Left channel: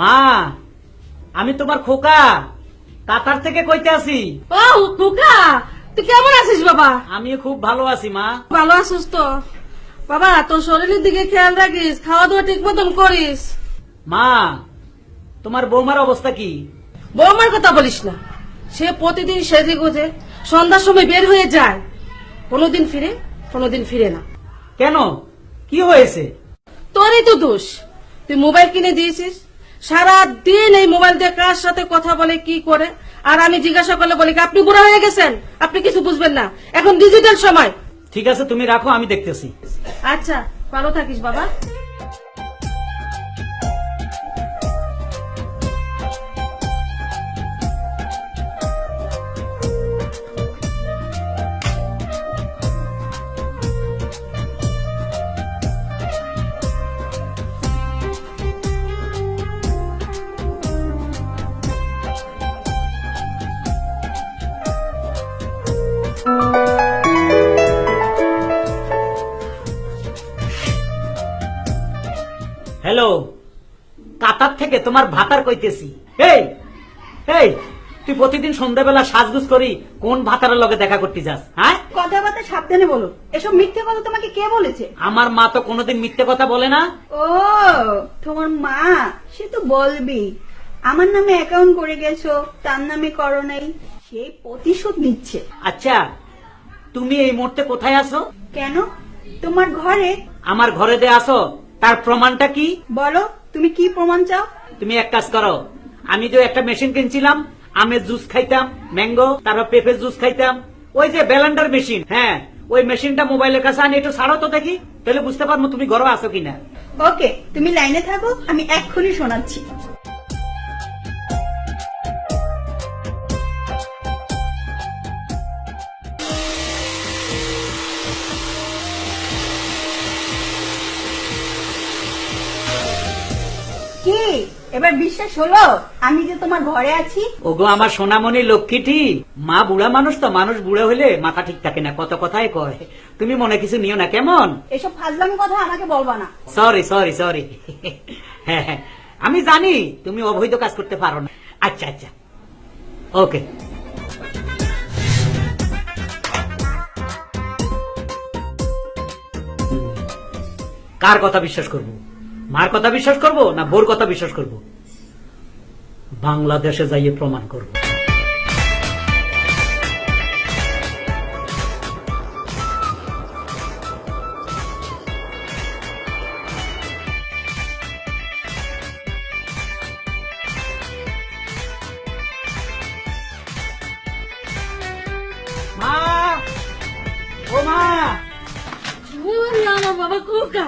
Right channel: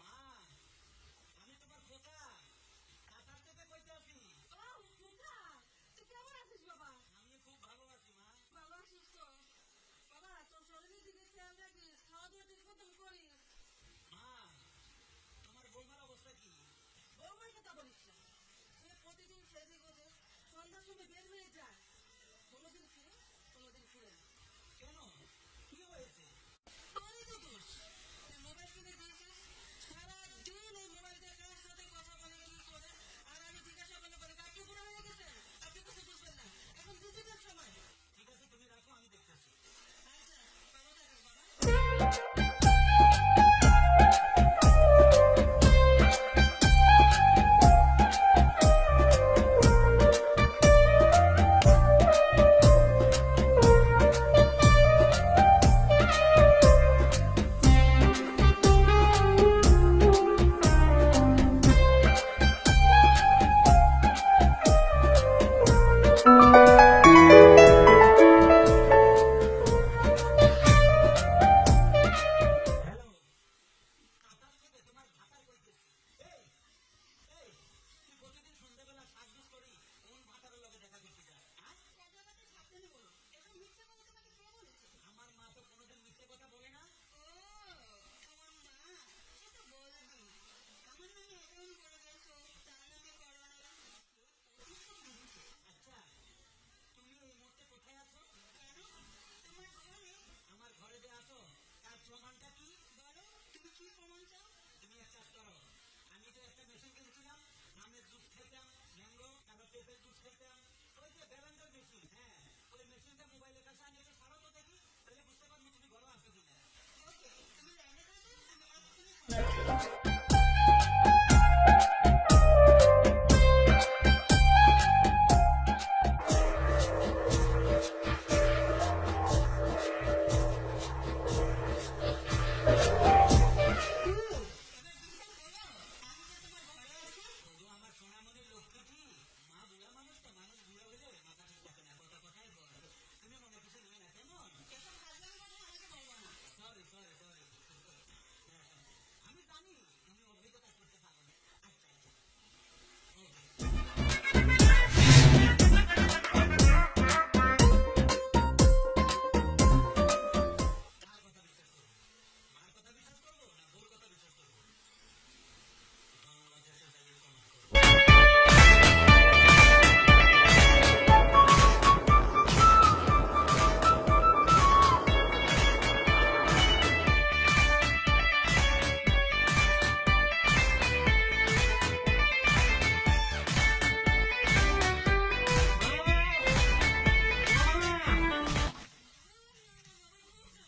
মা, আমি তোমার খোকা কাতার থেকে কইতে আছি। ও খোকা, তুই কেমন আছিস বাবা? আমি খুব ভালো আছি মা। ভালো আছিস তো? বাবা তোর শরীরের দিকে খেয়াল রাখিস, খাওয়া দাওয়া ঠিক মতন করিস। মা, তোমার বৌমার অবস্থা কি? বৌমার কথা বলিস না, সে প্রতিদিন সেজে গুজে সন্ধ্যার সময় বের হয়ে যায়, কোনোদিন ফিরে না। কেন, কি হয়েছে? তোরই তো দোষ, তুই মোবাইল কিনে দিয়েছিস, সারা দিন এই মোবাইল দিয়ে কার সাথে কথা বলে কি করে, আর আমি জিজ্ঞাসা করলে বলি কি, আপনি বুড়া হয়ে গেছেন, আপনি কিছু বুঝবেন না, এখন ডিজিটাল সময়। ঠিক আছে, তুমি রাখো, আমি দেখতেছি। আচ্ছা, ভালো থাকিস বাবা। হ্যালো, কাতার থেকে তোমার ভাতার কইতেছি। এই এই, তুই প্রতিদিন সন্ধ্যাবেলা সাজগুজ করি কোন ভাতারের লগে দেখা করতে যাস? হ্যাঁ, কথাবার্তা সাবধানে বলো, এসব মিথ্যে কথা তোমাকে কে বলেছে? আমার মা তো কোনোদিন মিথ্যে কথা বলে না। ও, তোমার মা, সে তো বলবি আমার নামে অ্যাকাউন্ট করে গেছো, তার নামে করো নাই, সেই প্রতিশোধ নিচ্ছে। আচ্ছা, তুমি এই মুহূর্তে কোথায় আছো? কেন, তোমার ঘরে। আমার ঘরে দে আসো, তার প্রমাণটা কি? বলো, তুমি কি প্রমাণ চাও? তুমি এক কাজ করো, আমি যে একটা মেশিন কিনছিলাম, আমের জুস খাইতাম, ম্যাঙ্গো, তারপর পেঁপের জুস খাইতাম, ওই যে ব্লেন্ডার মেশিন, হ্যাঁ ওই মেশিনটা মোবাইলের কাছে আনি একটু ছাড়ো তো দেখি, তাহলে বুঝতে পারবো তুমি ঘরে আছো কিনা। ওকে, তুমি লাইনে থাকো, আমি এক্ষুনি শোনাচ্ছি। কি এবার বিশ্বাস হলো আমি যে তোমার ঘরে আছি? ওগো আমার সোনামণি লক্ষ্মীটি, মা বুড়া মানুষ তো, মানুষ বুড়া হইলে মাথা ঠিক থাকে না, কত কথাই কয়, তুমি মনে কিছু নিও না কেমন? এসব ফাজলামি কথা আমাকে বলবা না। সরি সরি সরি, হ্যাঁ হ্যাঁ, আমি জানি তুমি অবৈধ কাজ করতে পারো না। আচ্ছা আচ্ছা, ওকে। কার কথা বিশ্বাস করব? মার কথা বিশ্বাস করব না বোর কথা বিশ্বাস করব? বাংলাদেশে যাইয়ে প্রমাণ করব। মা, ও মা, ওরে আমার বাবা খোকা,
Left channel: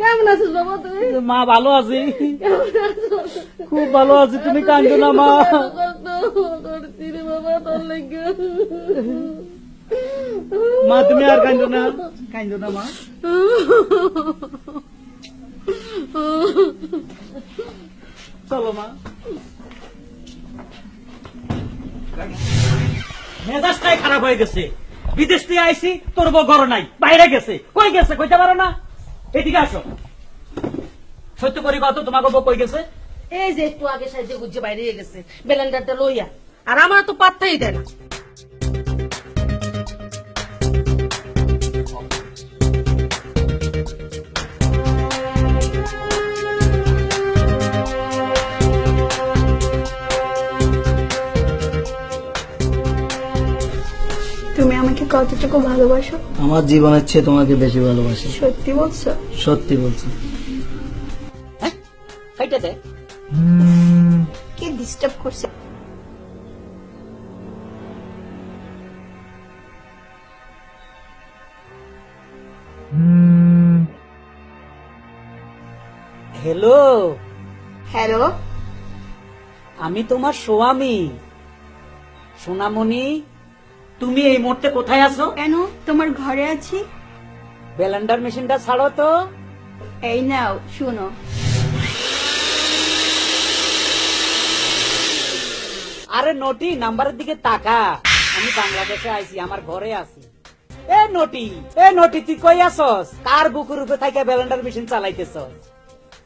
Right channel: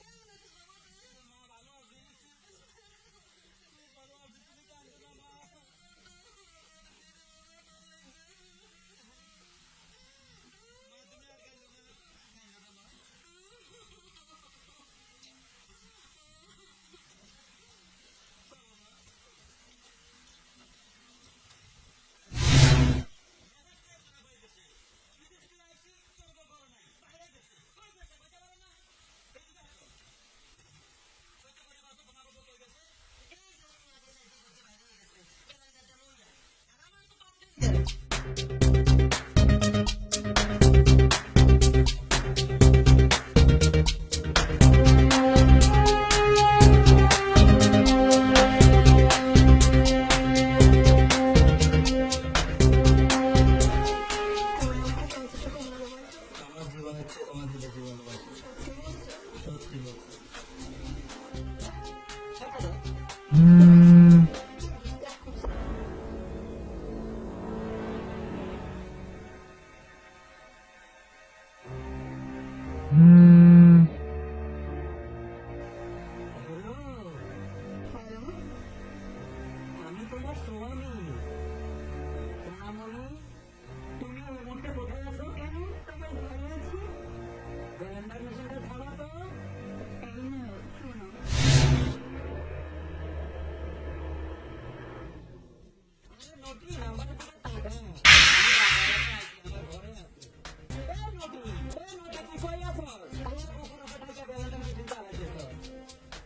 কেমন আছিস বাবা তুই? মা ভালো আছি, খুব ভালো আছি, তুমি কাঁদো না মা। করছি রে বাবা তোর লাগে। মা তুমি আর কাঁদো না, কাঁদো না মা। চলো মা। মেজাজটাই খারাপ হয়ে গেছে, বিদেশ থেকে আইসি, তোর বউ ঘর নাই, বাইরে গেছে, কই গেছে কইতে পারো না? এদিকে আসো, সত্য করি কত তোমাকে বউ কই গেছে? এই যে একটু আগে সাইজে গুজে বাইরে গেছে ব্লেন্ডারটা লইয়া, আর আমার তো পাত্তাই দেয় না। তুমি আমাকে কতটুকু ভালোবাসো? আমার জীবনের চেয়ে তোমাকে বেশি ভালোবাসি। সত্যি বলছো? সত্যি বলছি। হ্যাঁ, সেইটা দে। কি ডিস্টার্ব করছে? হ্যালো, হ্যালো, আমি তোমার স্বামী সোনামণি, তুমি এই মুহূর্তে কোথায় আছো? কেন, তোমার ঘরে আছি। ব্লেন্ডার মেশিনটা ছাড়ো তো। এই নাও, শুনো। আরে নটি, নাম্বারের দিকে তাকা, আমি বাংলাদেশে আইছি, আমার ঘরে আছি। এ নটি তুই কই আসস? কার বুকুর উপরে থাইকা ব্লেন্ডার মেশিন চালাইতেছস?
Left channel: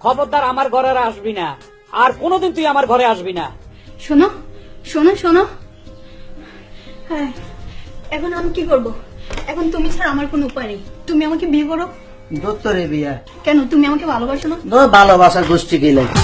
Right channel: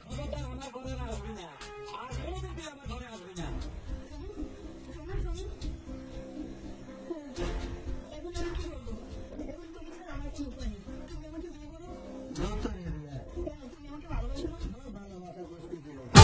খবরদার আমার ঘরে আর আসবি না, আর কোনোদিন তুই আমার ঘরে আসবি না। শোনো শোনো শোনো, হ্যাঁ এখন আমি কি করব? এখন তুমি ছাড়া আমার কোনো উপায় নেই। তুমি আমাকে বিয়ে করো। দত্তরে বিয়া কেন, তুমি আমাকে ভালোবাসো না? ভালোবাসার গোষ্ঠী কি লাগে?